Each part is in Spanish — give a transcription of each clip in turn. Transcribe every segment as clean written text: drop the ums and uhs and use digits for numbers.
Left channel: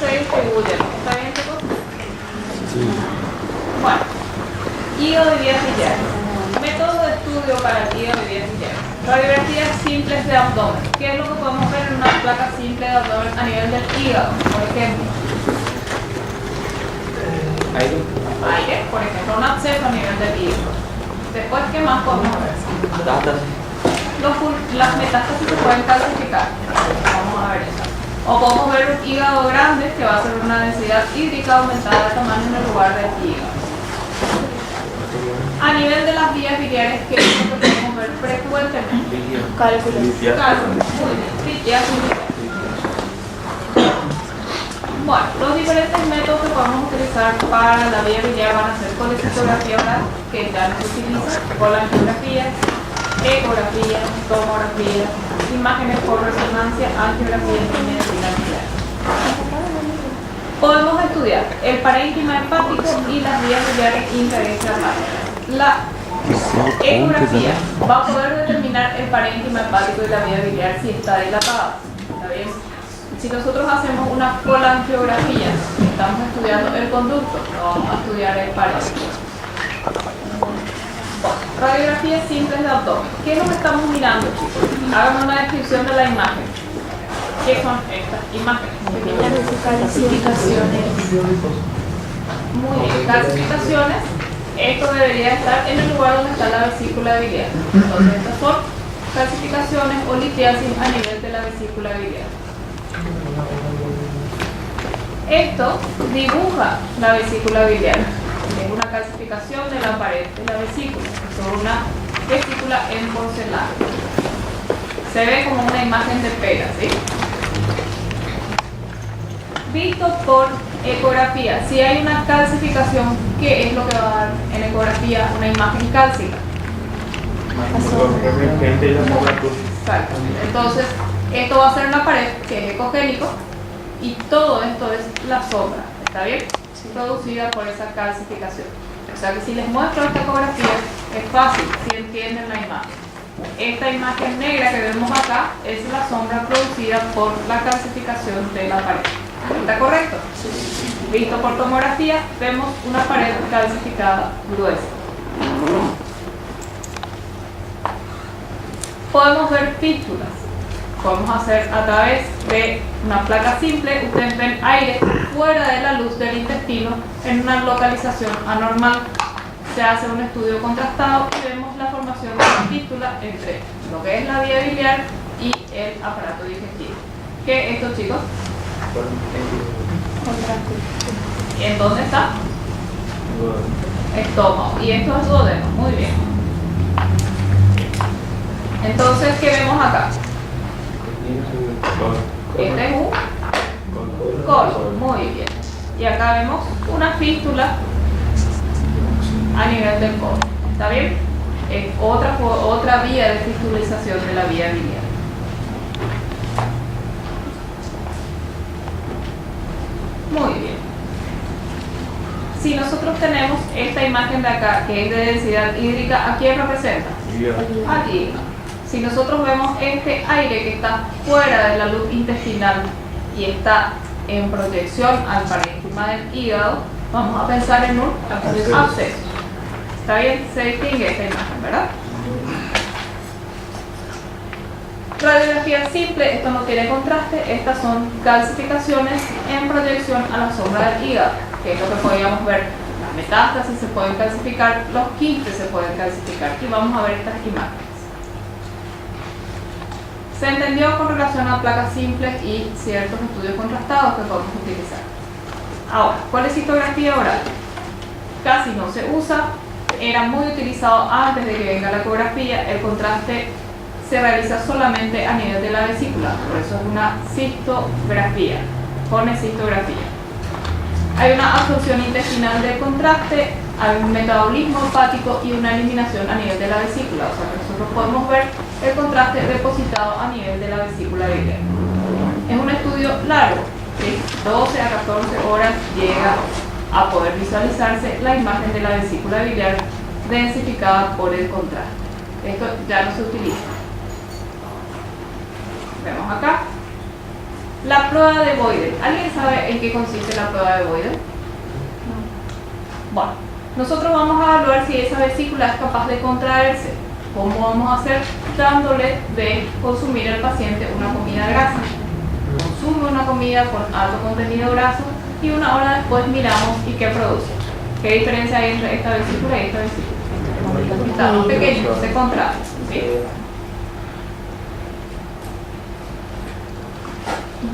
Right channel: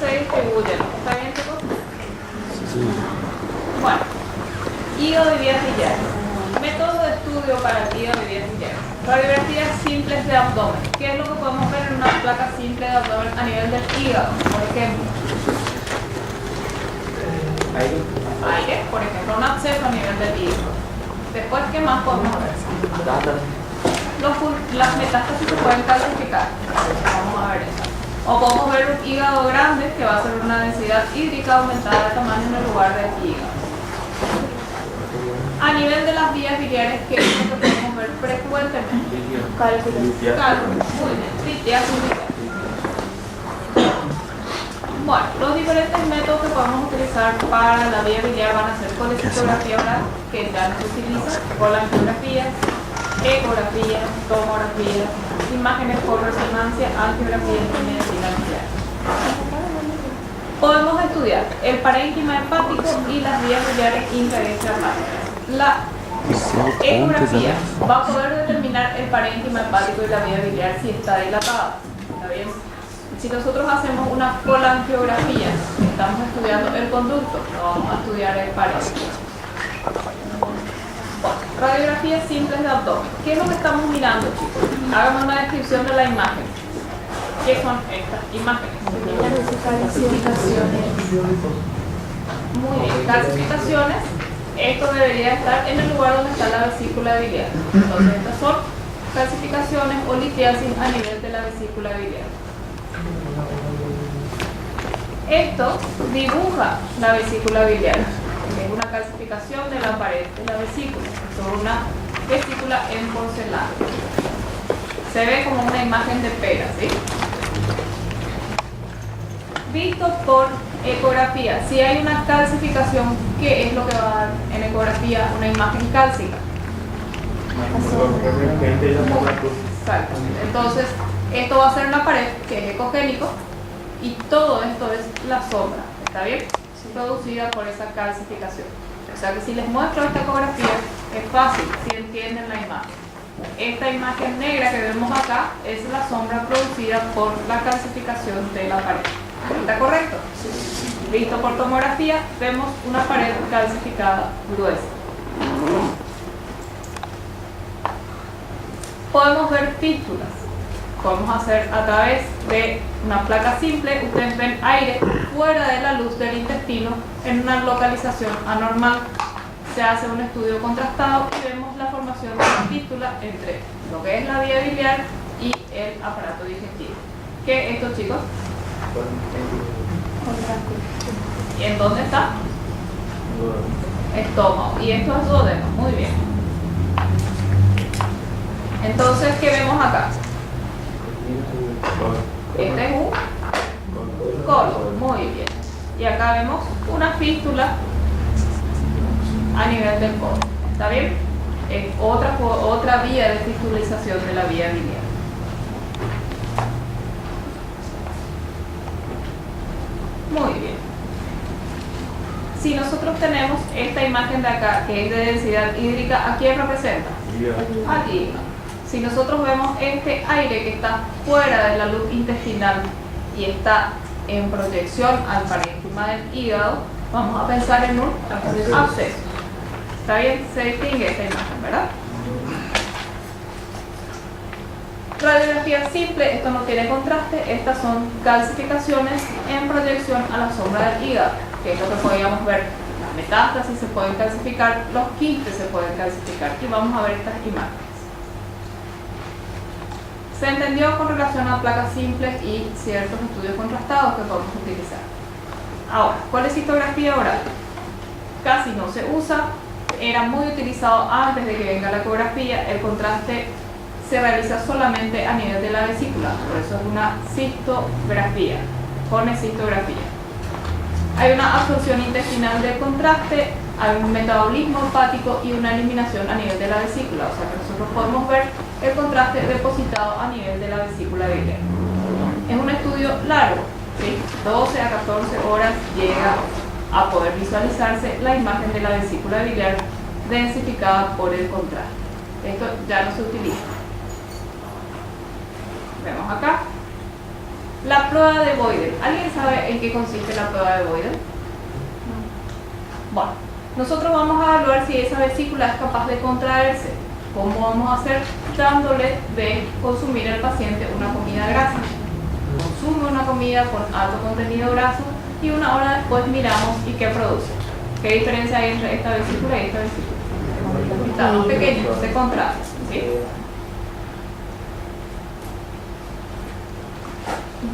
se distribuyen. ¿Está bien, chicos? Sí. Bueno, hígado y vías biliares. Método de estudio para el hígado y vías biliares. Radiografías simples de abdomen. ¿Qué es lo que podemos ver en una placa simple de abdomen a nivel del hígado? Por ejemplo, aire, por ejemplo, un absceso a nivel del hígado. Después, ¿qué más podemos ver? Las metástasis se pueden calcificar. Vamos a ver eso. O podemos ver un hígado grande que va a ser una densidad hídrica aumentada de tamaño en el lugar del hígado. A nivel de las vías biliares, ¿qué es lo que podemos ver frecuentemente? Cálculos. Muy bien. Litiasis biliar. Bueno, los diferentes métodos que podemos utilizar para la vía biliar van a ser colecistografía oral, que ya no se utiliza, colangiografía, ecografía, tomografía, imágenes por resonancia, angiografía y medicina biliar. Podemos estudiar el parénquima hepático y las vías biliares intra y extrahepaticas. La ecografía va a poder determinar el parénquima hepático y la vía biliar si está dilatada. ¿Está bien? Si nosotros hacemos una colangiografía, estamos estudiando el conducto, no vamos a estudiar el parénquima. Radiografías simples de abdomen. ¿Qué es lo que estamos mirando, chicos? Háganme una descripción de la imagen. ¿Qué son estas imágenes? Calcificaciones. Muy bien, calcificaciones. Esto debería estar en el lugar donde está la vesícula biliar. Entonces, estas son calcificaciones o litiasis a nivel de la vesícula biliar. Esto dibuja la vesícula biliar. Es una calcificación de la pared de la vesícula, sobre una vesícula en porcelana. Se ve como una imagen de pera, ¿sí? Visto por ecografía, si hay una calcificación, ¿qué es lo que va a dar en ecografía una imagen cálcica? Exactamente. Entonces, esto va a ser una pared que es ecogénico y todo esto es la sombra, ¿está bien? Producida por esa calcificación. O sea que si les muestro esta ecografía es fácil, si entienden la imagen. Esta imagen negra que vemos acá es la sombra producida por la calcificación de la pared. ¿Está correcto? Visto por tomografía, vemos una pared calcificada gruesa. Podemos ver fístulas. Podemos hacer a través de una placa simple, ustedes ven aire fuera de la luz del intestino en una localización anormal. Se hace un estudio contrastado y vemos la formación de una fístula entre lo que es la vía biliar y el aparato digestivo. ¿Qué es esto, chicos? ¿Y en dónde está? Estómago. Y esto es duodeno. Muy bien. Entonces, ¿qué vemos acá? Este es un colon. Muy bien. Y acá vemos una fístula a nivel del colon. ¿Está bien? Es otra vía de fistulización de la vía biliar. Muy bien. Si nosotros tenemos esta imagen de acá, que es de densidad hídrica, ¿a quién representa? Aquí. Si nosotros vemos este aire que está fuera de la luz intestinal y está en proyección al parénquima del hígado, vamos a pensar en un absceso. ¿Está bien? Se distingue esta imagen, ¿verdad? Radiografía simple, esto no tiene contraste, estas son calcificaciones en proyección a la sombra del hígado, que es lo que podríamos ver. Las metástasis se pueden calcificar, los quistes se pueden calcificar y vamos a ver estas imágenes. Se entendió con relación a placas simples y ciertos estudios contrastados que podemos utilizar. Ahora, colecistografía oral. Casi no se usa, era muy utilizado antes de que venga la ecografía, el contraste se realiza solamente a nivel de la vesícula, por eso es una cistografía, pone cistografía. Hay una absorción intestinal del contraste, hay un metabolismo hepático y una eliminación a nivel de la vesícula, o sea que nosotros podemos ver el contraste depositado a nivel de la vesícula biliar. Es un estudio largo, ¿sí? 12 a 14 horas llega a poder visualizarse la imagen de la vesícula biliar densificada por el contraste. Esto ya no se utiliza. Vemos acá La prueba de Boydell. ¿Alguien sabe en qué consiste la prueba de Boydell? Bueno, nosotros vamos a evaluar si esa vesícula es capaz de contraerse. ¿Cómo vamos a hacer? Dándole de consumir al paciente una comida grasa. Consume una comida con alto contenido graso y una hora después miramos y qué produce. ¿Qué diferencia hay entre esta vesícula y esta vesícula? Está más pequeño, se contrae, ¿sí?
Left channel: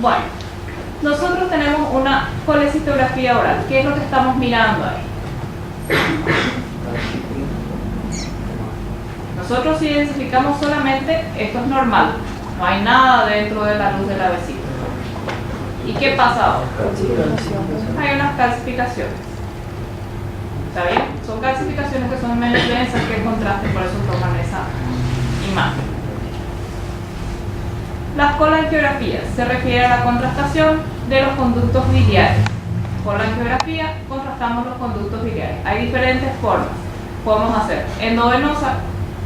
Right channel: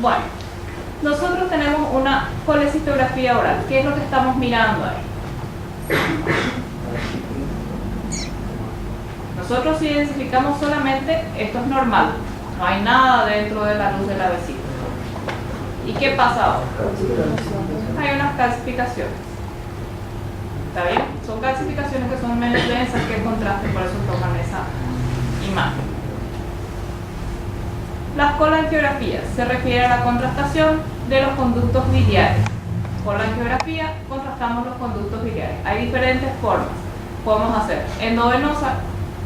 Bueno, nosotros tenemos una colecistografía oral. ¿Qué es lo que estamos mirando ahí? Nosotros identificamos solamente esto es normal, no hay nada dentro de la luz de la vesícula. ¿Y qué pasa ahora? Hay unas calcificaciones. ¿Está bien? Son calcificaciones que son menos densas que el contraste, por eso toman esa imagen. Las colangiografías se refiere a la contrastación de los conductos biliares. Con la angiografía contrastamos los conductos biliares. Hay diferentes formas. Podemos hacer endovenosa,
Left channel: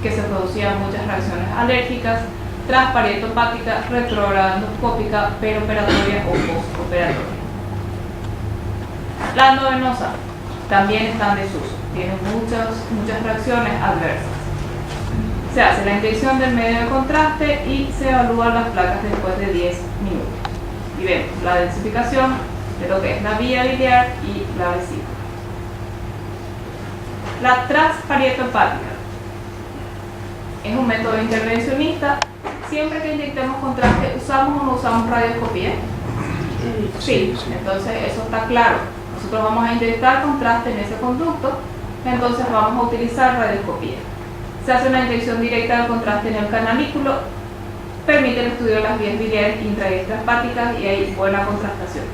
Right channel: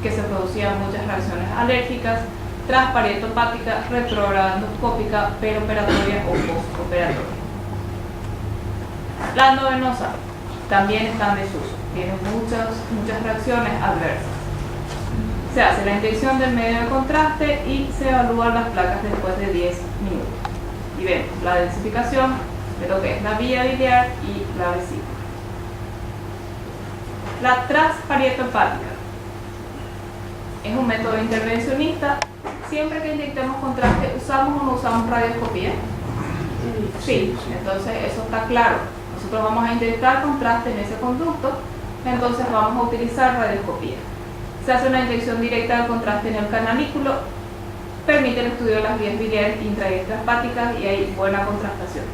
que se producían muchas reacciones alérgicas, transparietopática, retrógrada endoscópica, peroperatoria o postoperatoria. La endovenosa también está en desuso, tiene muchas reacciones adversas. Se hace la inyección del medio de contraste y se evalúan las placas después de 10 minutos. Y vemos la densificación de lo que es la vía biliar y la vesícula. La transparietopática es un método intervencionista. Siempre que inyectemos contraste, ¿usamos o no usamos radioscopía? Sí, entonces eso está claro. Nosotros vamos a inyectar contraste en ese conducto, entonces vamos a utilizar radioscopía. Se hace una inyección directa del contraste en el canalículo, permite el estudio de las vías biliares intra y extrahepáticas y hay buena contrastación.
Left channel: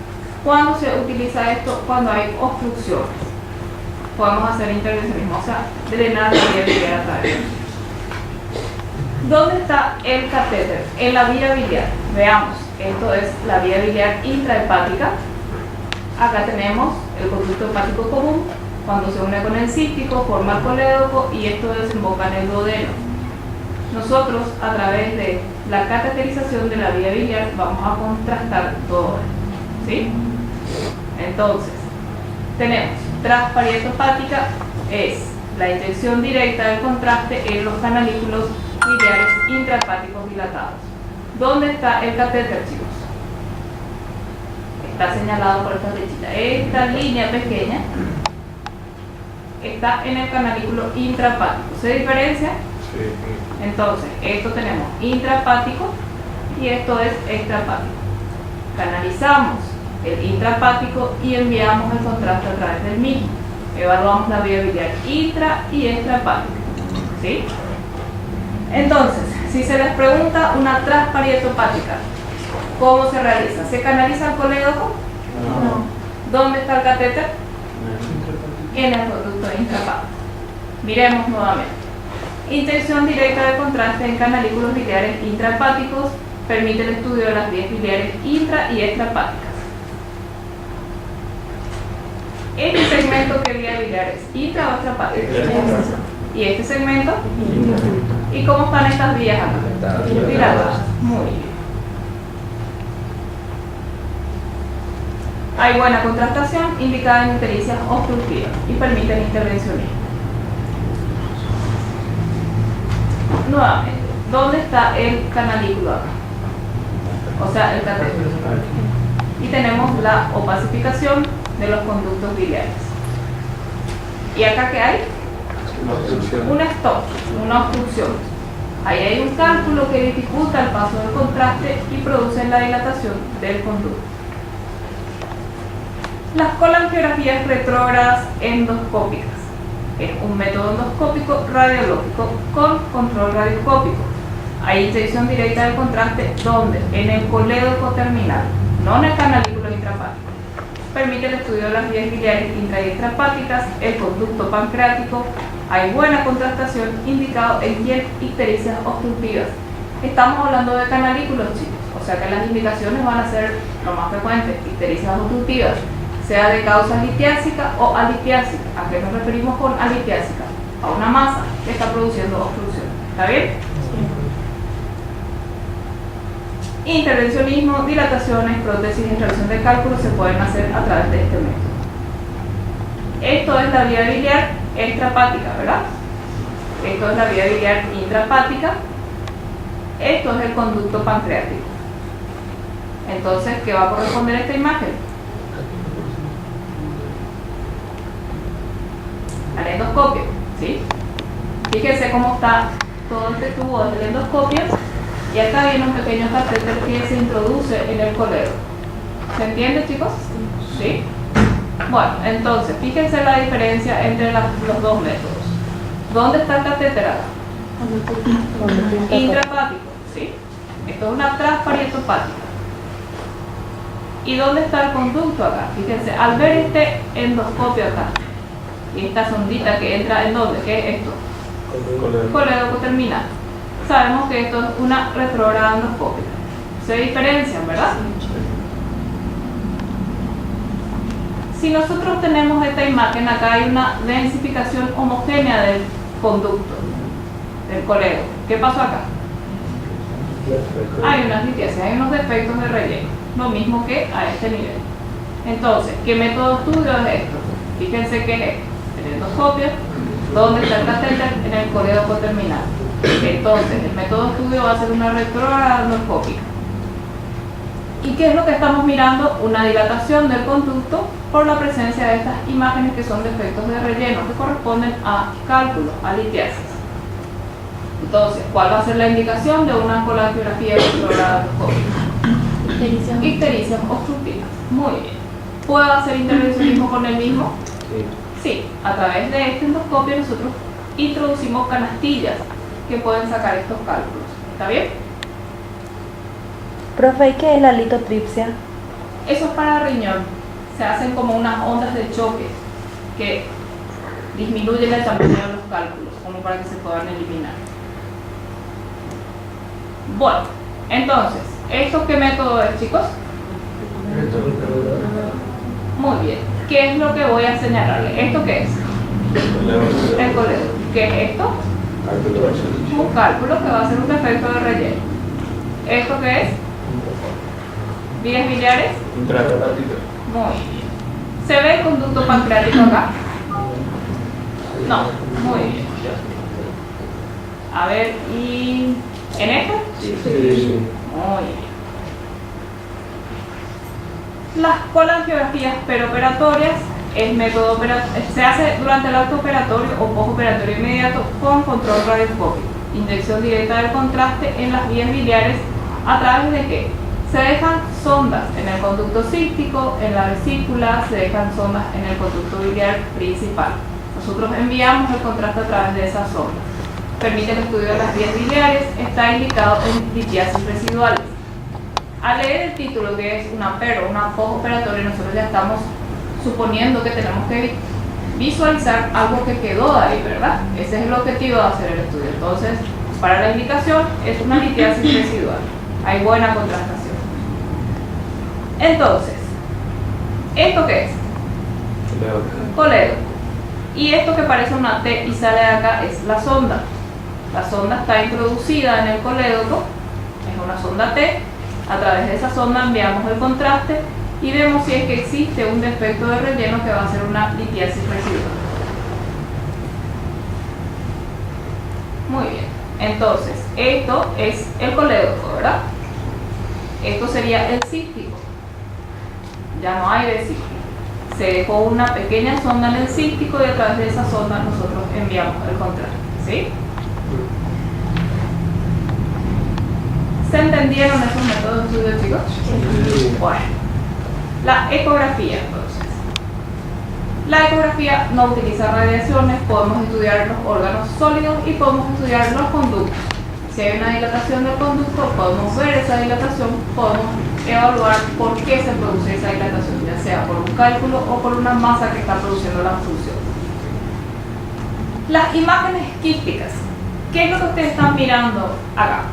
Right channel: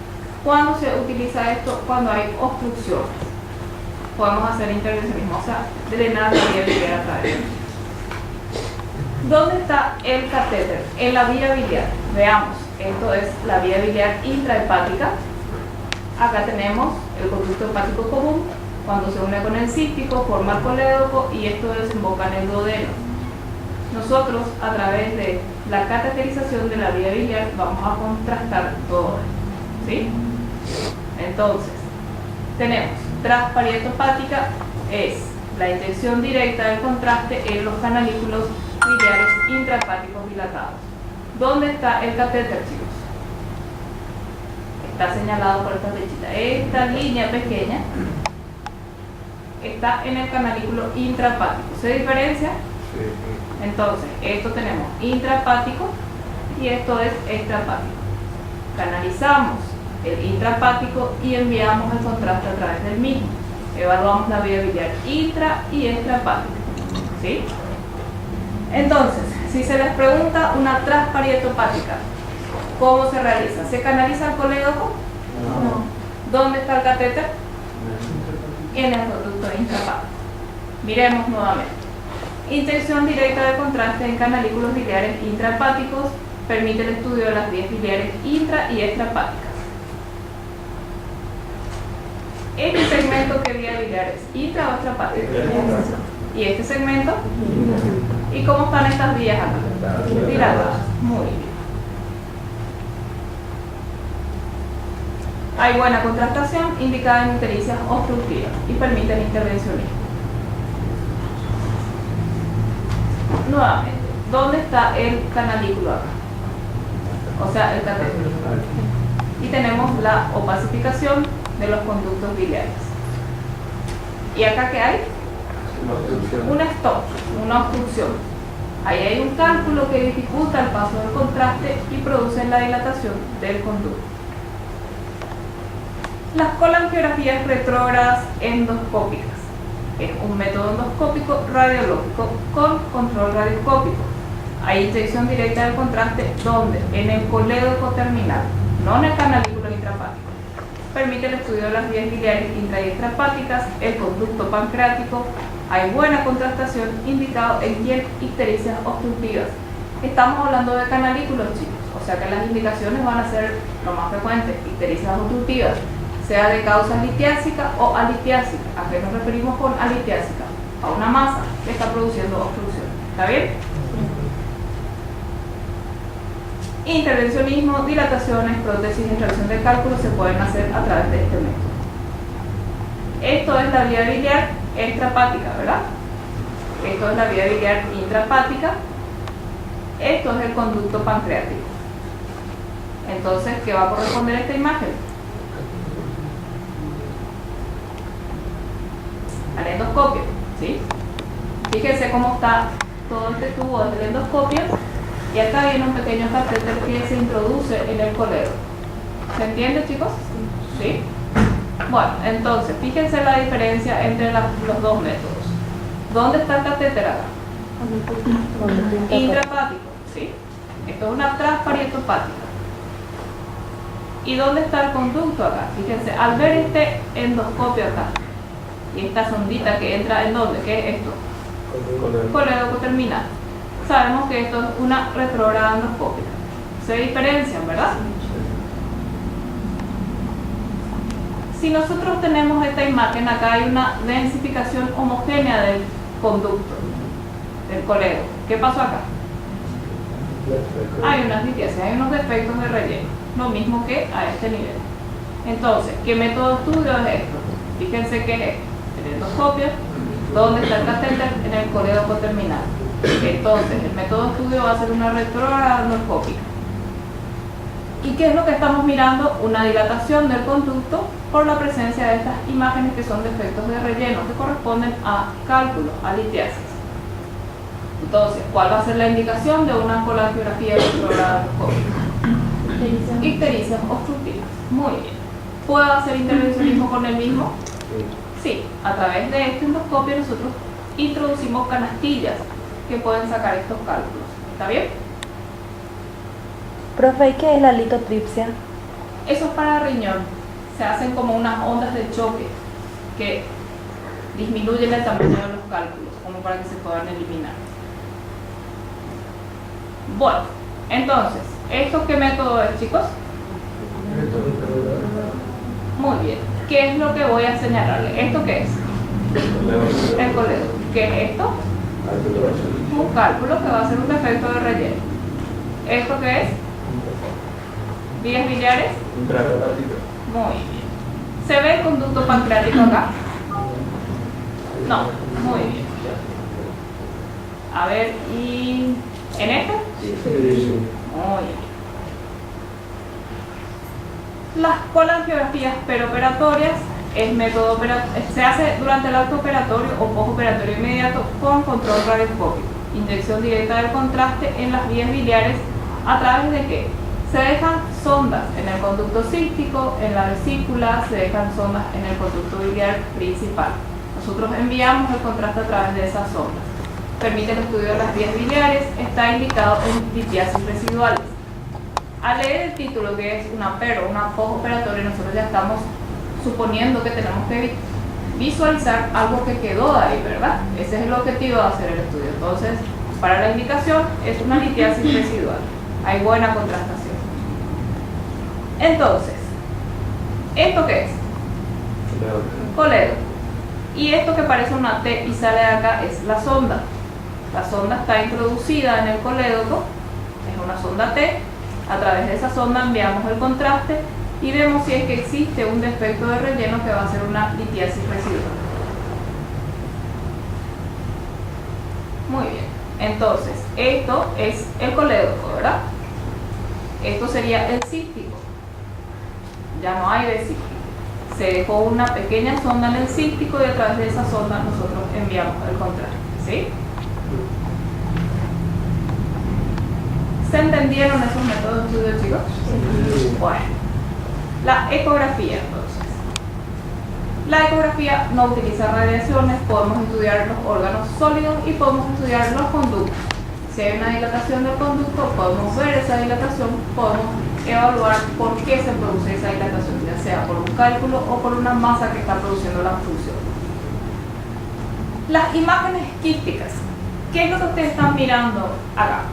¿Cuándo se utiliza esto? Cuando hay obstrucciones. Podemos hacer intervencionismo, o sea, drenar la vía biliar a través. ¿Dónde está el catéter? En la vía biliar. Veamos, esto es la vía biliar intrahepática. Acá tenemos el conducto hepático común. Cuando se une con el cístico, forma el colédoco y esto desemboca en el duodeno. Nosotros, a través de la cateterización de la vía biliar, vamos a contrastar todo esto. ¿Sí? Entonces, tenemos transparietopática, es la inyección directa del contraste en los canalículos biliares intrahepáticos dilatados. ¿Dónde está el catéter, chicos? Está señalado por esta flechita. Esta línea pequeña está en el canalículo intrahepático. ¿Se diferencia? Sí. Entonces, esto tenemos intrahepático y esto es extrahepático. Canalizamos el intrahepático y enviamos el contraste a través del mismo. Evaluamos la vía biliar intra y extrahepática. ¿Sí? Entonces, si se les pregunta una transparietopática, ¿cómo se realiza? ¿Se canaliza el colédoco? No. ¿Dónde está el catéter? En el conducto intrahepático. Miremos nuevamente. Inyección directa de contraste en canalículos biliares intrahepáticos permite el estudio de las vías biliares intra y extrahepáticas. ¿Este segmento qué vía biliar es? ¿Intra o extrahepática? ¿Y este segmento? ¿Y cómo están estas vías acá? Dilatadas. Muy bien. Hay buena contrastación indicada en ictericias obstructivas y permiten intervencionismo. Nuevamente, ¿dónde está el canalículo acá? O sea, el catéter. Y tenemos la opacificación de los conductos biliares. ¿Y acá qué hay? Un stop, una obstrucción. Ahí hay un cálculo que dificulta el paso del contraste y produce la dilatación del conducto. Las colangiografías retrógradas endoscópicas es un método endoscópico radiológico con control radioscópico. Hay inyección directa del contraste donde en el colédoco terminal, no en el canalículo intrahepático. Permite el estudio de las vías biliares intra y extrahepáticas, el conducto pancreático. Hay buena contrastación indicado en ictericias obstructivas. Estamos hablando de canalículos, chicos, o sea que las indicaciones van a ser lo más frecuentes, ictericias obstructivas, sea de causa litiásica o alitiásica. ¿A qué nos referimos con alitiásica? A una masa que está produciendo obstrucción. ¿Está bien? Intervencionismo, dilataciones, prótesis, extracción de cálculos se pueden hacer a través de este método. Esto es la vía biliar extrahepática, ¿verdad? Esto es la vía biliar intrahepática. Esto es el conducto pancreático. Entonces, ¿qué va a corresponder a esta imagen? Al endoscopio, ¿sí? Fíjense cómo está todo este tubo desde el endoscopio y acá viene un pequeño catéter que se introduce en el coledo. ¿Se entiende, chicos? ¿Sí? Bueno, entonces, fíjense la diferencia entre los dos métodos. ¿Dónde está el catéter acá? Intrahepático, ¿sí? Esto es una transparieto-hepática. ¿Y dónde está el conducto acá? Fíjense, al ver este endoscopio acá y esta sondita que entra en dónde, ¿qué es esto? Coledo coterminal. Sabemos que esto es una retrógrada endoscópica. Se diferencian, ¿verdad? Si nosotros tenemos esta imagen, acá hay una densificación homogénea del conducto, del coledo. ¿Qué pasó acá? Hay unas litiasis, hay unos defectos de relleno, lo mismo que a este nivel. Entonces, ¿qué método de estudio es esto? Fíjense que es esto, el endoscopio, ¿dónde está el catéter? En el coledo coterminal. Entonces, el método de estudio va a ser una retrógrada endoscópica. ¿Y qué es lo que estamos mirando? Una dilatación del conducto por la presencia de estas imágenes que son defectos de relleno que corresponden a cálculos, a litiasis. Entonces, ¿cuál va a ser la indicación de una colangiografía retrógrada endoscópica? Ictericias obstructivas. Muy bien. ¿Puedo hacer intervencionismo con el mismo? Sí. A través de este endoscopio nosotros introducimos canastillas que pueden sacar estos cálculos. ¿Está bien? Profe, ¿y qué es la litotripsia? Eso es para riñón. Se hacen como unas ondas de choque que disminuyen el tamaño de los cálculos, como para que se puedan eliminar. Bueno, entonces, ¿esto qué método es, chicos? Muy bien. ¿Qué es lo que voy a señalarle? ¿Esto qué es? El coledo. ¿Qué es esto? Un cálculo que va a ser un defecto de relleno. ¿Esto qué es? ¿Vías biliares? Muy bien. ¿Se ve el conducto pancreático acá? No, muy bien. A ver, ¿y en este? Sí. Muy bien. Las colangiografías peroperatorias es método se hace durante el acto operatorio o postoperatorio inmediato con control radioscópico. Inyección directa del contraste en las vías biliares. ¿A través de qué? Se dejan sondas en el conducto cístico, en la vesícula, se dejan sondas en el conducto biliar principal. Nosotros enviamos el contraste a través de esas sondas. Permite el estudio de las vías biliares, está indicado en litiasis residuales. Al leer el título, que es una pero, una postoperatoria, nosotros ya estamos suponiendo que tenemos que visualizar algo que quedó ahí, ¿verdad? Ese es el objetivo de hacer el estudio. Entonces, para la indicación es una litiasis residual. Hay buena contrastación. Entonces, ¿esto qué es? Coledo. Y esto que parece una T y sale de acá es la sonda. La sonda está introducida en el colédoco, es una sonda T. A través de esa sonda enviamos el contraste y vemos si es que existe un defecto de relleno que va a ser una litiasis residual. Muy bien. Entonces, esto es el colédoco, ¿verdad? Esto sería el cístico. Ya no hay vesícula. Se dejó una pequeña sonda en el cístico y a través de esa sonda nosotros enviamos el contraste. ¿Sí? ¿Se entendieron esos métodos de estudio, chicos? Sí. Bueno, la ecografía entonces. La ecografía no utiliza radiaciones, podemos estudiar los órganos sólidos y podemos estudiar los conductos. Si hay una dilatación del conducto, podemos ver esa dilatación, podemos evaluar por qué se produce esa dilatación, ya sea por un cálculo o por una masa que está produciendo la obstrucción. Las imágenes quísticas. ¿Qué es lo que ustedes están mirando acá?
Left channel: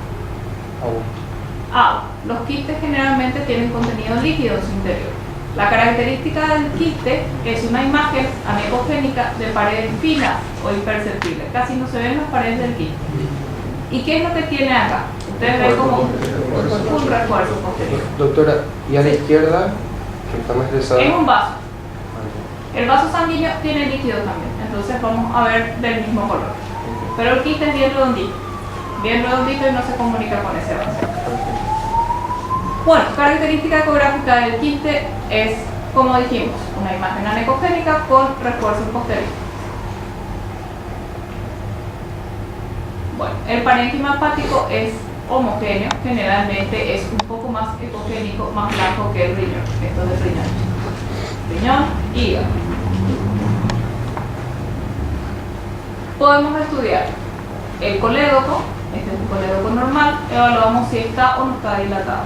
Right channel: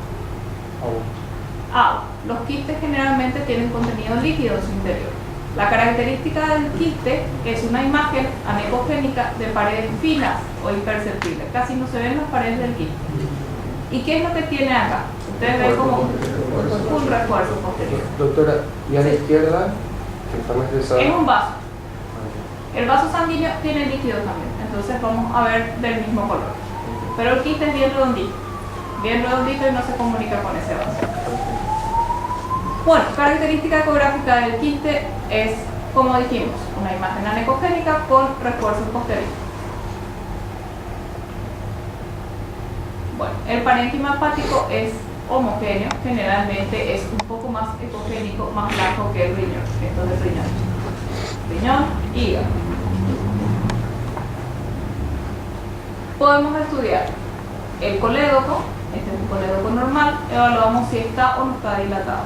Agua. Los quistes generalmente tienen contenido líquido en su interior. La característica del quiste es una imagen anecogénica de paredes finas o imperceptibles. Casi no se ven las paredes del quiste. ¿Y qué es lo que tiene acá? Ustedes ven como un refuerzo posterior. Doctora, y a la izquierda, que está más deslizada. Es un vaso. El vaso sanguíneo tiene líquido también, entonces vamos a ver del mismo color. Pero el quiste es bien redondito y no se comunica con ese vaso. Bueno, característica ecográfica del quiste es, como dijimos, una imagen anecogénica con refuerzo posterior. Bueno, el parénquima hepático es homogéneo, generalmente es un poco más ecogénico, más blanco que el riñón. Esto es el riñón. Riñón, hígado. Podemos estudiar el colédoco, este es un colédoco normal, evaluamos si está o no está dilatado.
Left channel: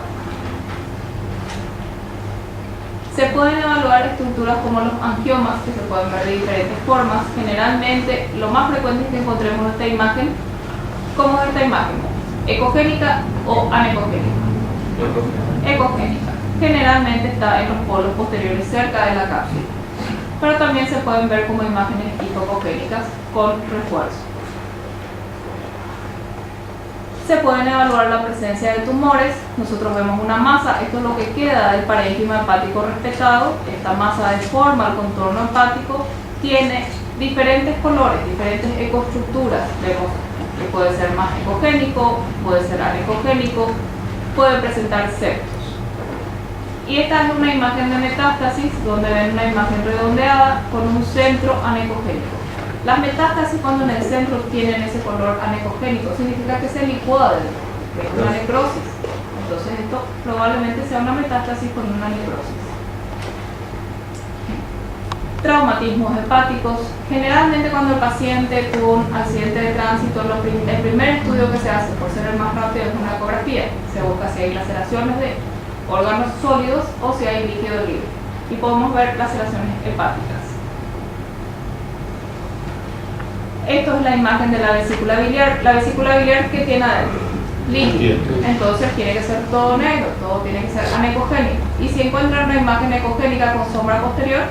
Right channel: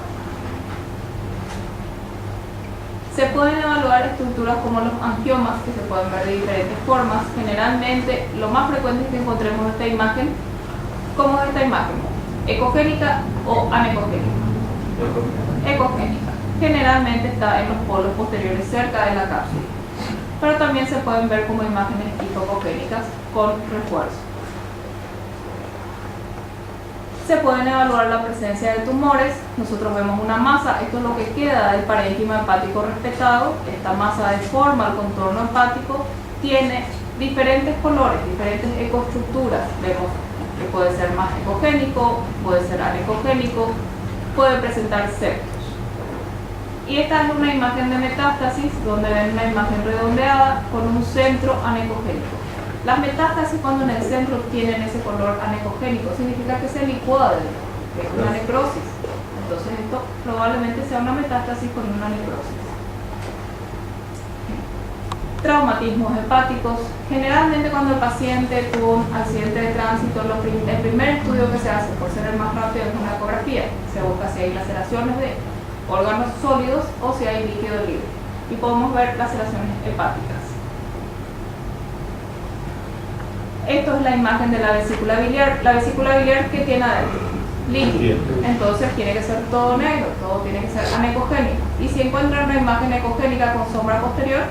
Se pueden evaluar estructuras como los angiomas, que se pueden ver de diferentes formas. Generalmente, lo más frecuente es que encontremos esta imagen. ¿Cómo es esta imagen? ¿Ecogénica o anecogénica? Ecogénica. Generalmente está en los polos posteriores cerca de la cápsula. Pero también se pueden ver como imágenes hipocogénicas con refuerzo. Se pueden evaluar la presencia de tumores. Nosotros vemos una masa, esto es lo que queda del parénquima hepático respetado. Esta masa deforma el contorno hepático, tiene diferentes colores, diferentes ecoestructuras. Vemos que puede ser más ecogénico, puede ser anecogénico, puede presentar septos. Y esta es una imagen de metástasis, donde ven una imagen redondeada con un centro anecogénico. Las metástasis, cuando en el centro tienen ese color anecogénico, significa que se licúa dentro, que es una necrosis. Entonces esto probablemente sea una metástasis con una necrosis. Traumatismos hepáticos. Generalmente cuando el paciente tuvo un accidente de tránsito, el primer estudio que se hace, por ser el más rápido, es una ecografía. Se busca si hay laceraciones de órganos sólidos o si hay líquido libre. Y podemos ver laceraciones hepáticas. Esto es la imagen de la vesícula biliar. La vesícula biliar, ¿qué tiene adentro? Líquido. Entonces tiene que ser todo negro, todo tiene que ser anecogénico. Y si encuentran una imagen ecogénica con sombra posterior,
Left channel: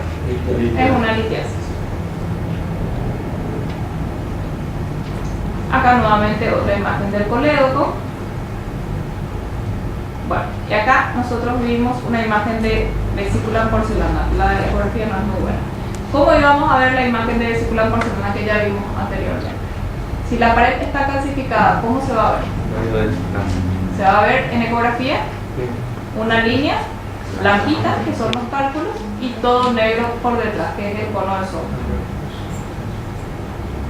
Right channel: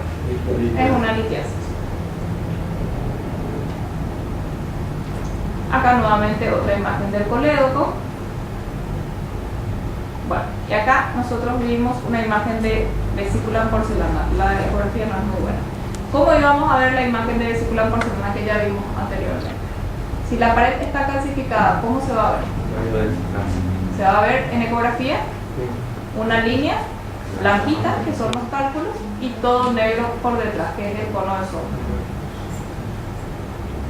es una litiasis. Acá nuevamente otra imagen del colédoco. Bueno, y acá nosotros vimos una imagen de vesícula en porcelana. La ecografía no es muy buena. ¿Cómo íbamos a ver la imagen de vesícula en porcelana que ya vimos anteriormente? Si la pared está calcificada, ¿cómo se va a ver? Se va a ver en ecografía una línea blanquita, que son los cálculos, y todo negro por detrás, que es el cono de sombra.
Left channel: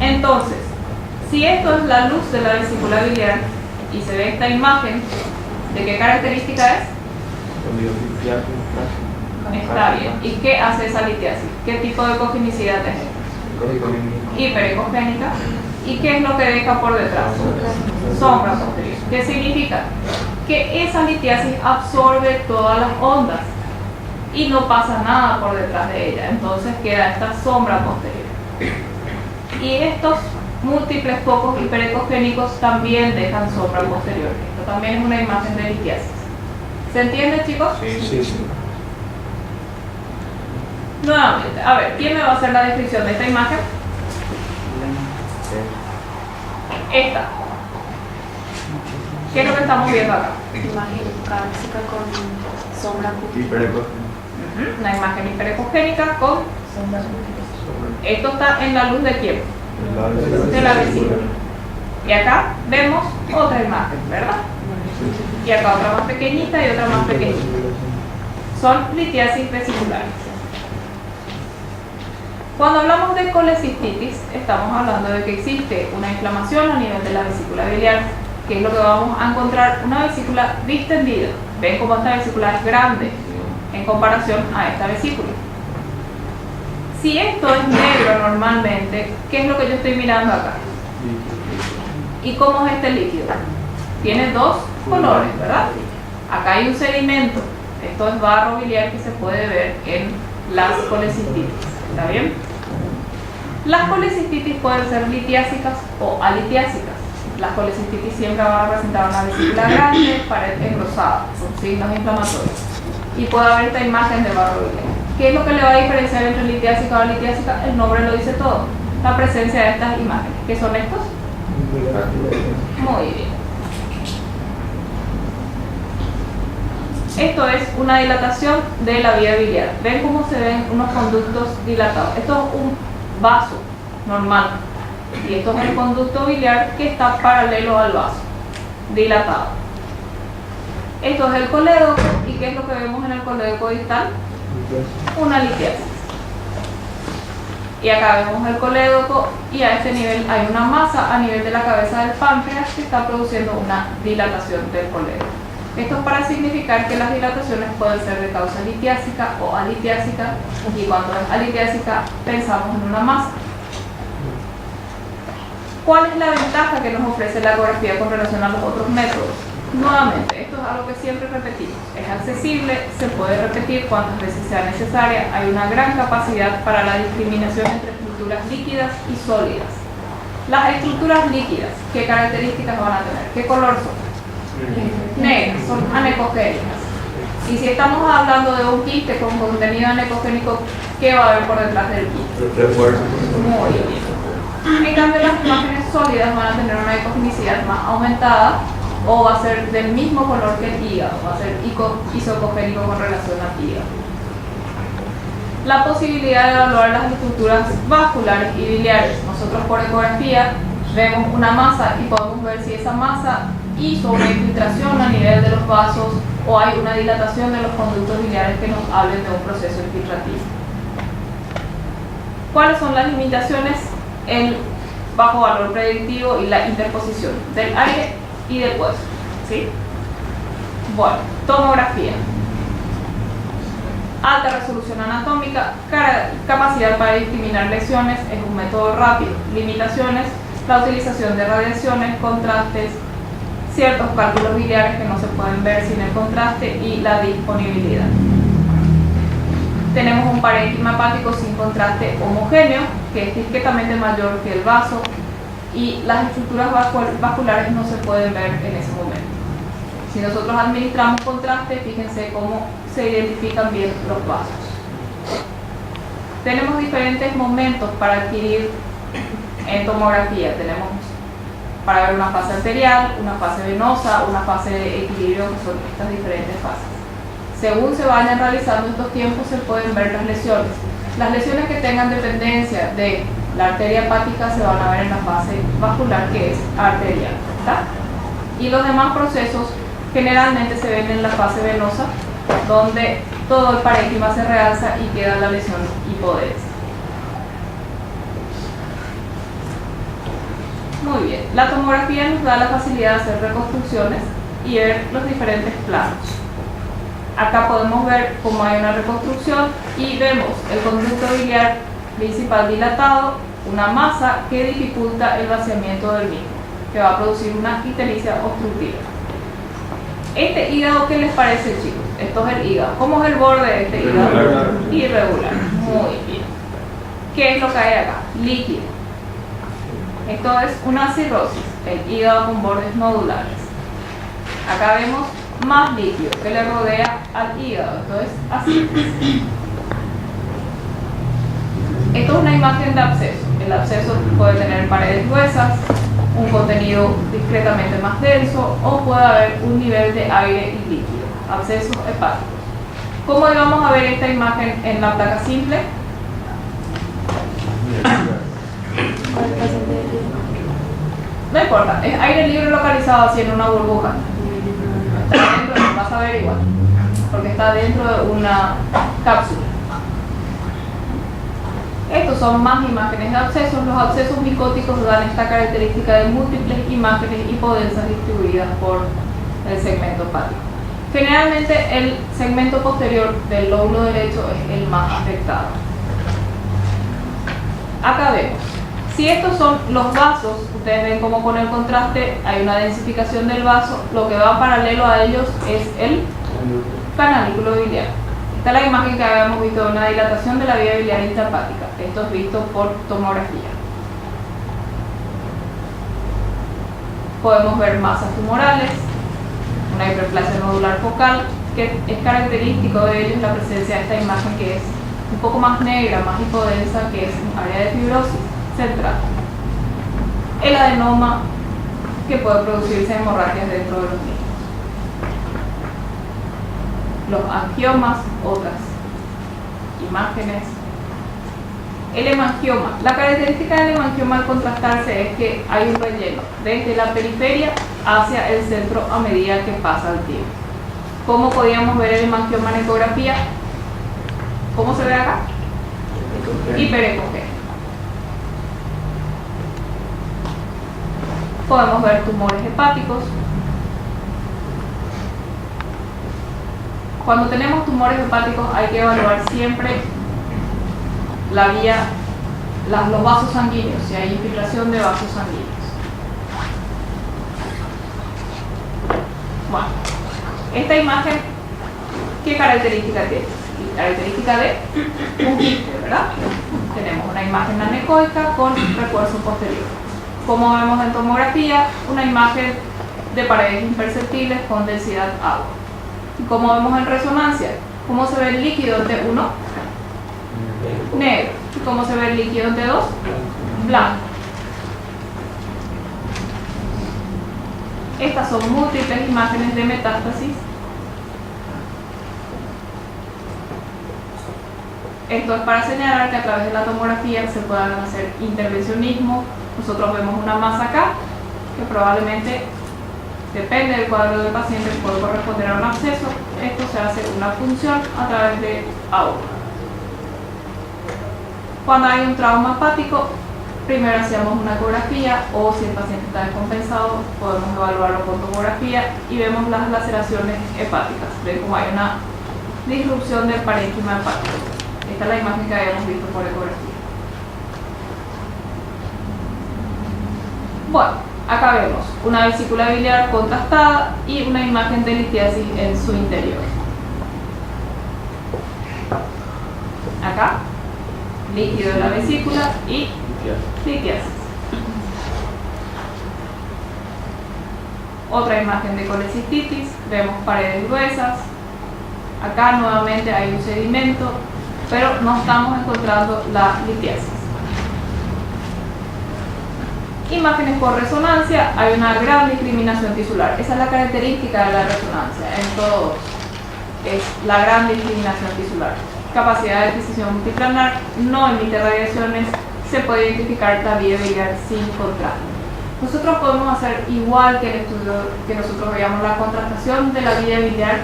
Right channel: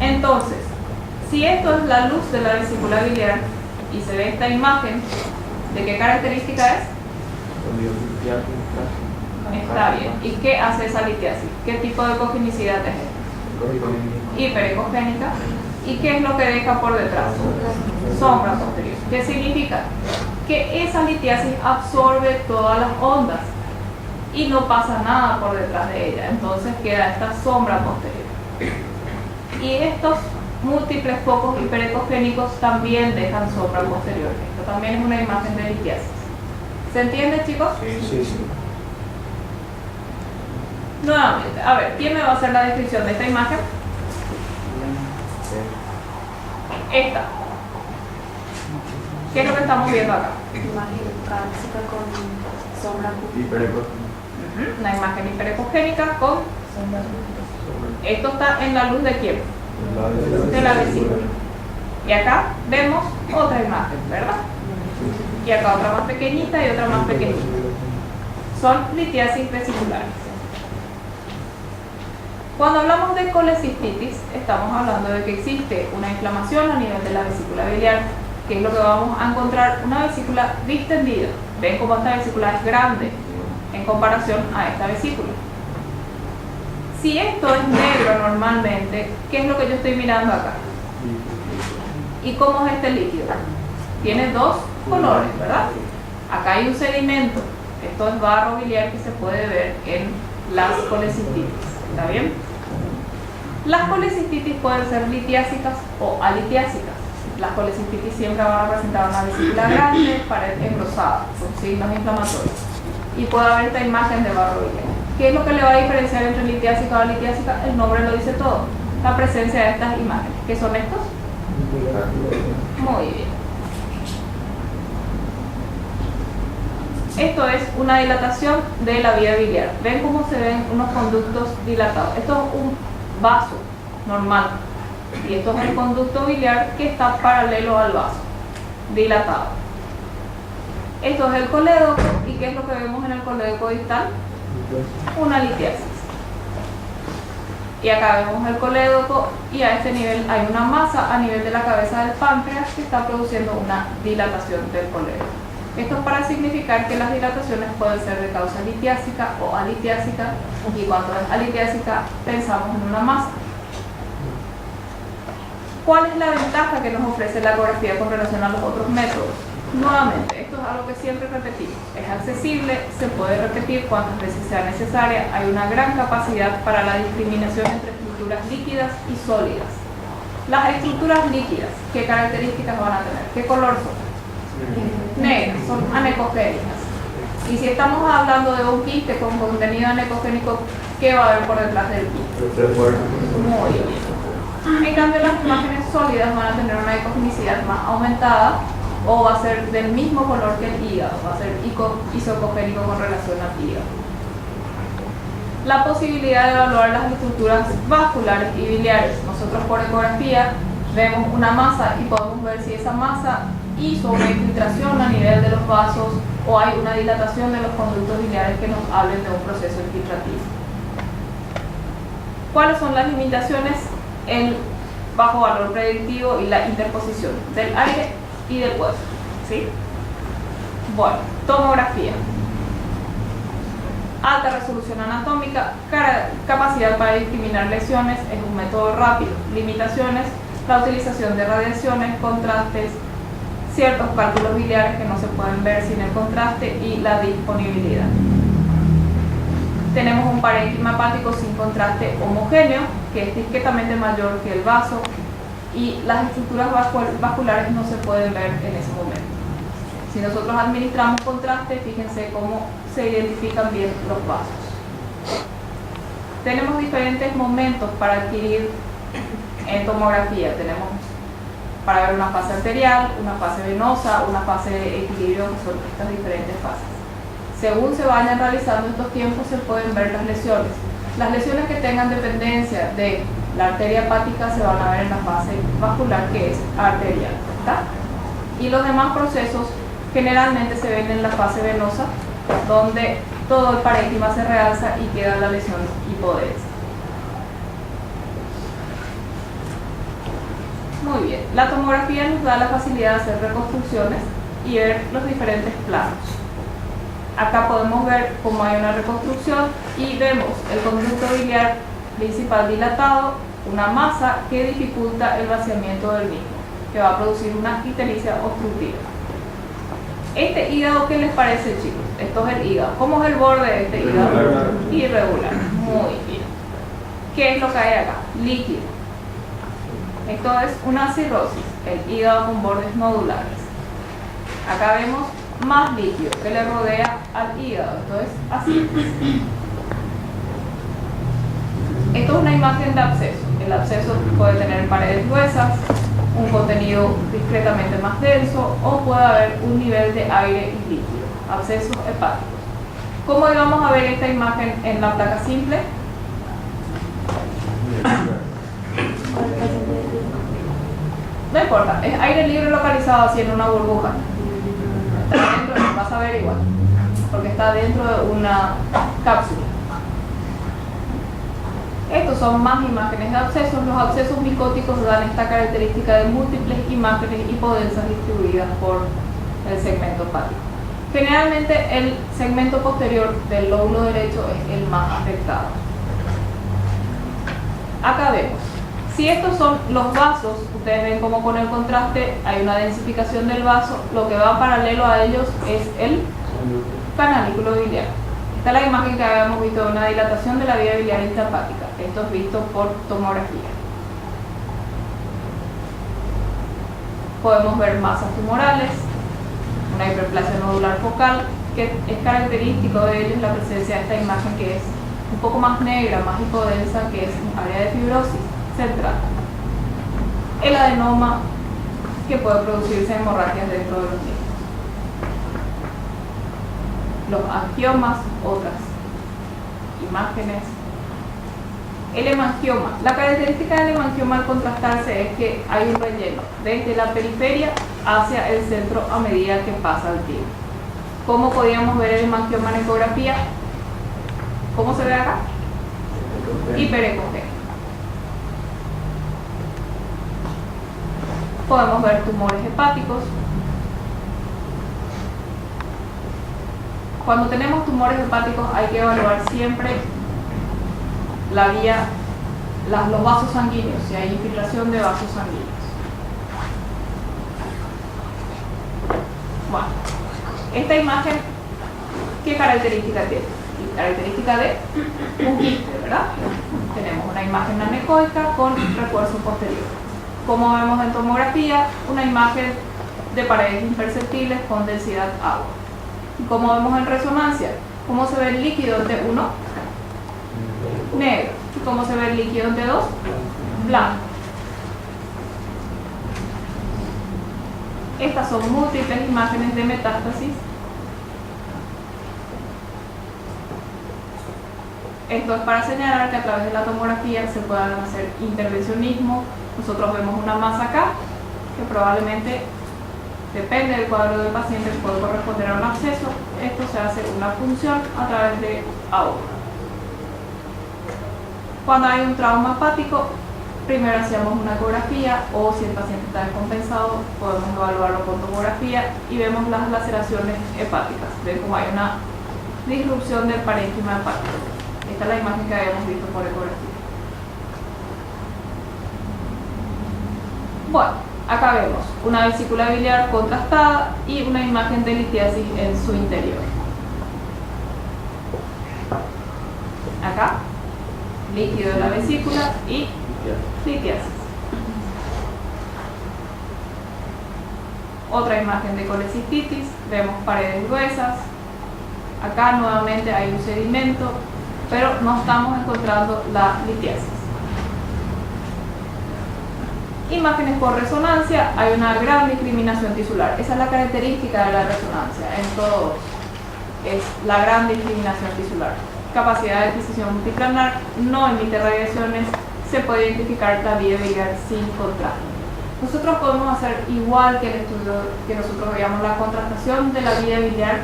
Entonces, si esto es la luz de la vesícula biliar y se ve esta imagen, ¿de qué característica es? Está bien. ¿Y qué hace esa litiasis? ¿Qué tipo de ecogenicidad es esta? Hiperecogénica. ¿Y qué es lo que deja por detrás? Sombra posterior. ¿Qué significa? Que esa litiasis absorbe todas las ondas y no pasa nada por detrás de ella. Entonces queda esta sombra posterior. Y estos múltiples focos hiperecogénicos también dejan sombra posterior. Esto también es una imagen de litiasis. ¿Se entiende, chicos? Sí. Nuevamente, a ver, ¿quién me va a hacer la descripción de esta imagen? Esta. ¿Qué es lo que estamos viendo acá? Imagen cálcica con sombra Una imagen hiperecogénica con sombra. Esto está en la luz de quién? De la vesícula. Y acá vemos otra imagen, ¿verdad? Y acá otra más pequeñita y otra más pequeñita. Son litiasis vesiculares. Cuando hablamos de colecistitis, estamos hablando de que existe una inflamación a nivel de la vesícula biliar, que es lo que vamos a encontrar, una vesícula distendida. Ven cómo esta vesícula es grande en comparación a esta vesícula. Si esto es negro normalmente, ¿qué es lo que yo estoy mirando acá? ¿Y cómo es este líquido? Tiene dos colores, ¿verdad? Acá hay un sedimento. Esto es barro biliar que se puede ver en las colecistitis. ¿Está bien? Las colecistitis pueden ser litiásicas o alitiásicas. Las colecistitis siempre van a presentar una vesícula grande, pared engrosada, con signos inflamatorios. Y puede haber esta imagen de barro biliar. ¿Qué es lo que le va a diferenciar entre litiásica o alitiásica? El nombre lo dice todo. La presencia de estas imágenes. ¿Qué son estos? Muy bien. Esto es una dilatación de la vía biliar. ¿Ven cómo se ven unos conductos dilatados? Esto es un vaso normal. Y esto es el conducto biliar que está paralelo al vaso, dilatado. Esto es el colédoco. ¿Y qué es lo que vemos en el colédoco distal? Una litiasis. Y acá vemos el colédoco y a este nivel hay una masa a nivel de la cabeza del páncreas que está produciendo una dilatación del colédoco. Esto es para significar que las dilataciones pueden ser de causa litiásica o alitiásica, y cuando es alitiásica pensamos en una masa. ¿Cuál es la ventaja que nos ofrece la ecografía con relación a los otros métodos? Nuevamente, esto es algo que siempre repetimos. Es accesible, se puede repetir cuantas veces sea necesaria. Hay una gran capacidad para la discriminación entre estructuras líquidas y sólidas. Las estructuras líquidas, ¿qué características van a tener? ¿Qué color son? Negras, son anecogénicas. Y si estamos hablando de un quiste con contenido anecogénico, ¿qué va a haber por detrás del quiste? Muy bien. En cambio, las imágenes sólidas van a tener una ecogenicidad más aumentada, o va a ser del mismo color que el hígado, va a ser isocogénico con relación al hígado. La posibilidad de evaluar las estructuras vasculares y biliares. Nosotros por ecografía vemos una masa y podemos ver si esa masa hizo una infiltración a nivel de los vasos o hay una dilatación de los conductos biliares que nos hablen de un proceso infiltrativo. ¿Cuáles son las limitaciones? El bajo valor predictivo y la interposición del aire y del hueso, ¿sí? Bueno, tomografía. Alta resolución anatómica, capacidad para discriminar lesiones, es un método rápido. Limitaciones, la utilización de radiaciones, contrastes, ciertos cálculos biliares que no se pueden ver sin el contraste y la disponibilidad. Tenemos un parénquima hepático sin contraste homogéneo, que es discretamente mayor que el vaso, y las estructuras vasculares no se pueden ver en ese momento. Si nosotros administramos contraste, fíjense cómo se identifican bien los vasos. Tenemos diferentes momentos para adquirir en tomografía. Tenemos para ver una fase arterial, una fase venosa, una fase de equilibrio, que son estas diferentes fases. Según se vayan realizando estos tiempos, se pueden ver las lesiones. Las lesiones que tengan dependencia de la arteria hepática se van a ver en la fase vascular, que es arterial, ¿está? Y los demás procesos generalmente se ven en la fase venosa, donde todo el parénquima se realza y queda la lesión hipodensa. Muy bien, la tomografía nos da la facilidad de hacer reconstrucciones y ver los diferentes planos. Acá podemos ver cómo hay una reconstrucción y vemos el conducto biliar principal dilatado, una masa que dificulta el vaciamiento del mismo, que va a producir una ictericia obstructiva. Este hígado, ¿qué les parece, chicos? Esto es el hígado. ¿Cómo es el borde de este hígado? Irregular. Muy bien. ¿Qué es lo que hay acá? Líquido. Esto es una cirrosis, el hígado con bordes nodulares. Acá vemos más líquido que le rodea al hígado. Esto es ascitis. Esto es una imagen de absceso. El absceso puede tener paredes gruesas, un contenido discretamente más denso, o puede haber un nivel de aire y líquido. Abscesos hepáticos. ¿Cómo íbamos a ver esta imagen en la placa simple? No importa, es aire libre localizado así en una burbuja. Está dentro, lo vas a ver igual, porque está dentro de una cápsula. Estos son más imágenes de abscesos. Los abscesos micóticos dan esta característica de múltiples imágenes hipodensas distribuidas por el segmento hepático. Generalmente el segmento posterior del lóbulo derecho es el más afectado. Acá vemos. Si estos son los vasos, ustedes ven cómo con el contraste hay una densificación del vaso. Lo que va paralelo a ellos es el canalículo biliar. Esta es la imagen que habíamos visto de una dilatación de la vía biliar intrahepática. Esto es visto por tomografía. Podemos ver masas tumorales, una hiperplasia nodular focal, que es característico de ellos la presencia de esta imagen que es un poco más negra, más hipodensa, que es un área de fibrosis central. El adenoma que puede producirse hemorragias dentro de los niños. Los angiomas, otras imágenes. El hemangioma. La característica del hemangioma al contrastarse es que hay un relleno desde la periferia hacia el centro a medida que pasa el tiempo. ¿Cómo podíamos ver el hemangioma en ecografía? ¿Cómo se ve acá? Hiperecogénico. Podemos ver tumores hepáticos. Cuando tenemos tumores hepáticos hay que evaluar siempre la vía, los vasos sanguíneos, si hay infiltración de vasos sanguíneos. Bueno, esta imagen, ¿qué característica tiene? Característica de un quiste, ¿verdad? Tenemos una imagen anecoica con refuerzo posterior. Como vemos en tomografía, una imagen de paredes imperceptibles con densidad agua. Y como vemos en resonancia, ¿cómo se ve el líquido en T1? Negro. ¿Y cómo se ve el líquido en T2? Blanco. Estas son múltiples imágenes de metástasis. Esto es para señalar que a través de la tomografía se puedan hacer intervencionismo. Nosotros vemos una masa acá que probablemente, depende del cuadro del paciente, puede corresponder a un absceso. Esto se hace una punción a través de aguja. Cuando hay un trauma hepático, primero hacemos una ecografía, o si el paciente está descompensado, podemos evaluarlo con tomografía y vemos las laceraciones hepáticas. Ven como hay una disrupción del parénquima hepático. Esta es la imagen que habíamos visto por ecografía. Bueno, acá vemos una vesícula biliar contrastada y una imagen de litiasis en su interior. Acá, líquido de la vesícula y litiasis. Otra imagen de colecistitis, vemos paredes gruesas. Acá nuevamente hay un sedimento, pero no estamos encontrando la litiasis. Imágenes por resonancia, hay una gran discriminación tisular. Esa es la característica de la resonancia en todos. Es la gran discriminación tisular. Capacidad de adquisición multiplanar, no emite radiaciones, se puede identificar la vía biliar sin contraste. Nosotros podemos hacer igual que el estudio que nosotros veíamos, la contrastación de la vía biliar,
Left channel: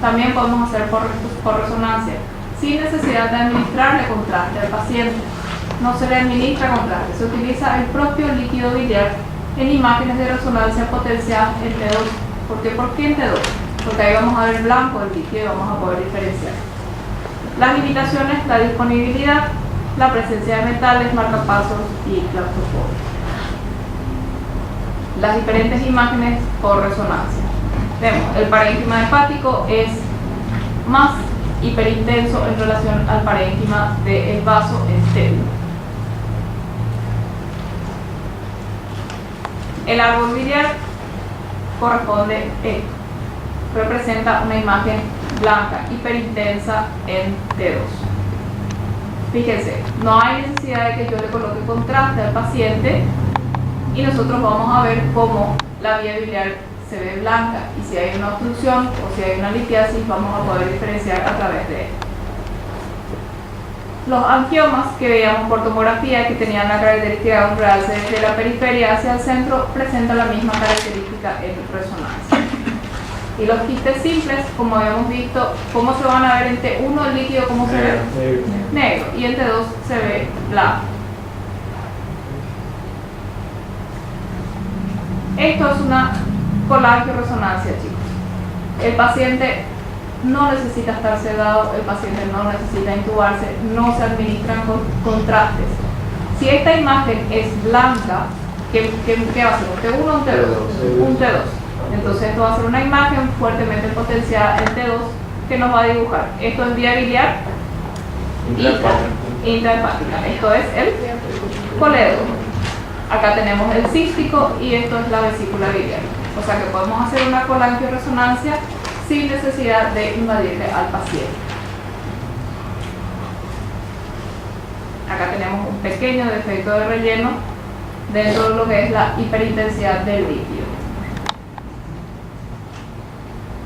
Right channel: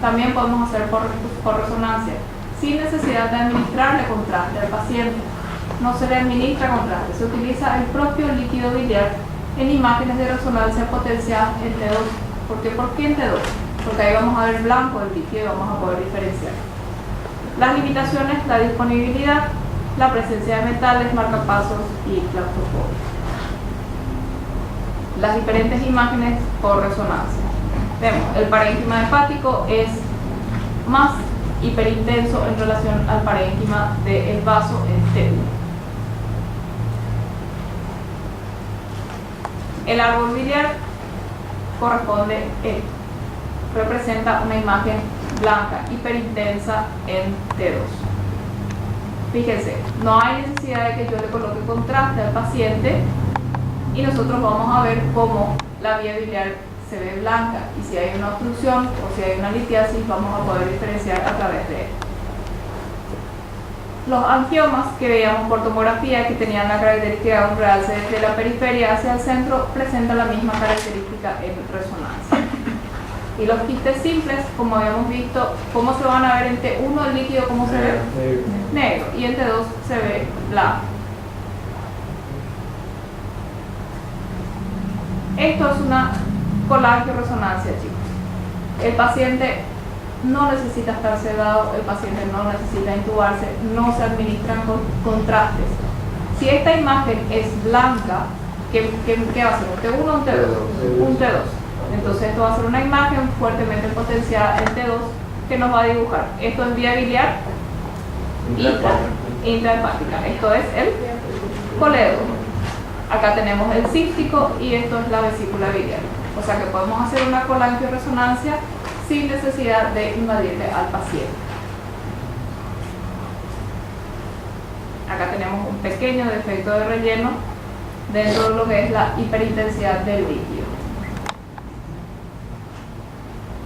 también podemos hacer por resonancia, sin necesidad de administrarle contraste al paciente. No se le administra contraste, se utiliza el propio líquido biliar en imágenes de resonancia potenciadas en T2. ¿Por qué? ¿Por qué en T2? Porque ahí vamos a ver blanco el líquido y vamos a poder diferenciar. Las limitaciones, la disponibilidad, la presencia de metales, marcapasos y claustrofobia. Las diferentes imágenes por resonancia. Vemos, el parénquima hepático es más hiperintenso en relación al parénquima del vaso estéril. El árbol biliar corresponde esto. Representa una imagen blanca, hiperintensa en T2. Fíjense, no hay necesidad de que yo le coloque contraste al paciente y nosotros vamos a ver cómo la vía biliar se ve blanca, y si hay una obstrucción o si hay una litiasis vamos a poder diferenciar a través de él. Los angiomas que veíamos por tomografía, que tenían la característica de un realce desde la periferia hacia el centro, presentan la misma característica en resonancia. Y los quistes simples, como habíamos visto, ¿cómo se van a ver en T1 el líquido? ¿Cómo se ve? Negro. Y en T2 se ve blanco. Esto es una colangioresonancia, chicos. El paciente no necesita estar sedado, el paciente no necesita intubarse, no se administran contrastes. Si esta imagen es blanca, ¿qué va a ser? ¿Un T1 o un T2? Un T2. Entonces esto va a ser una imagen fuertemente potenciada en T2 que nos va a dibujar. Esto es vía biliar intrahepática. Esto es el colédomo. Acá tenemos el cístico y esto es la vesícula biliar. O sea que podemos hacer una colangioresonancia sin necesidad de invadirle al paciente. Acá tenemos un pequeño defecto de relleno dentro de lo que es la hiperintensidad del líquido.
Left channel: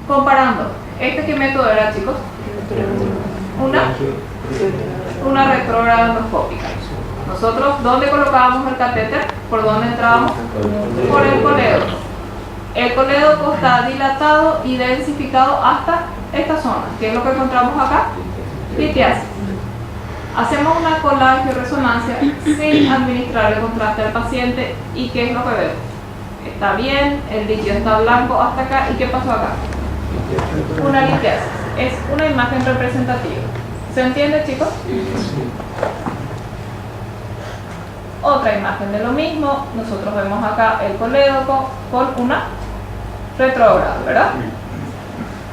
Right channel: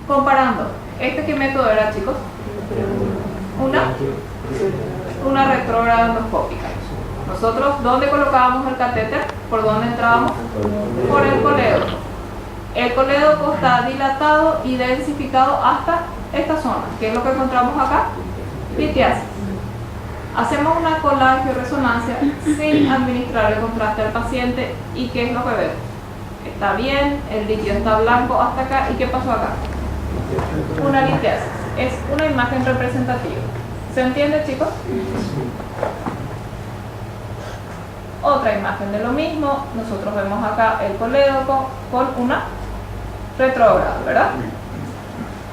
Comparando, ¿qué método era, chicos? Una retrógrada endoscópica. Nosotros, ¿dónde colocábamos el catéter? ¿Por dónde entrábamos? Por el colédoco. El colédoco está dilatado y densificado hasta esta zona. ¿Qué es lo que encontramos acá? Litiasis. Hacemos una colangioresonancia sin administrarle contraste al paciente. ¿Y qué es lo que vemos? Está bien, el líquido está blanco hasta acá. ¿Y qué pasó acá? Una litiasis. Es una imagen representativa. ¿Se entiende, chicos? Otra imagen de lo mismo. Nosotros vemos acá el colédoco con una retrógrada, ¿verdad?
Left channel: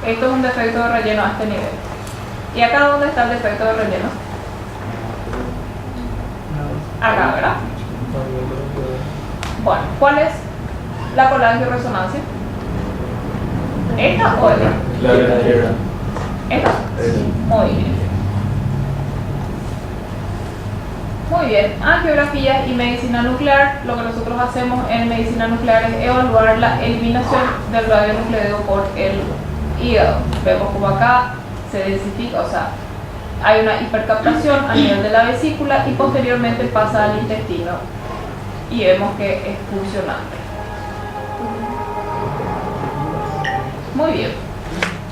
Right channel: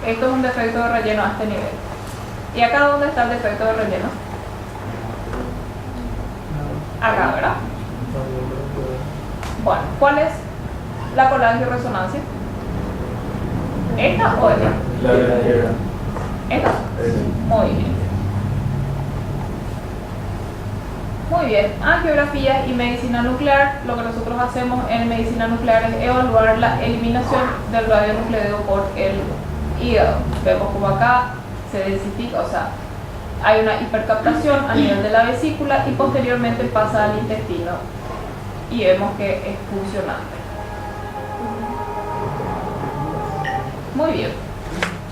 Esto es un defecto de relleno a este nivel. ¿Y acá dónde está el defecto de relleno? Acá, ¿verdad? Bueno, ¿cuál es la colangioresonancia? ¿Esta o esta? La de la izquierda. Esta. Muy bien. Muy bien. Angiografía y medicina nuclear. Lo que nosotros hacemos en medicina nuclear es evaluar la eliminación del radionucleido por el hígado. Vemos como acá se densifica, o sea, hay una hipercaptación a nivel de la vesícula y posteriormente pasa al intestino y vemos que es funcionante. Muy bien.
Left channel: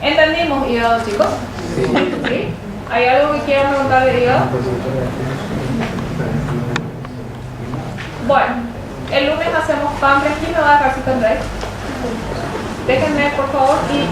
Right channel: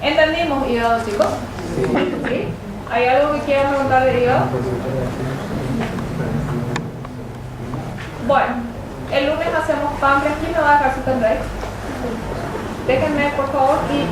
¿Entendimos hígado, chicos? ¿Sí? ¿Hay algo que quieran preguntar del hígado? Bueno, el lunes hacemos páncreas. ¿Quién me va a dejar su pendrive? Déjenme, por favor, y...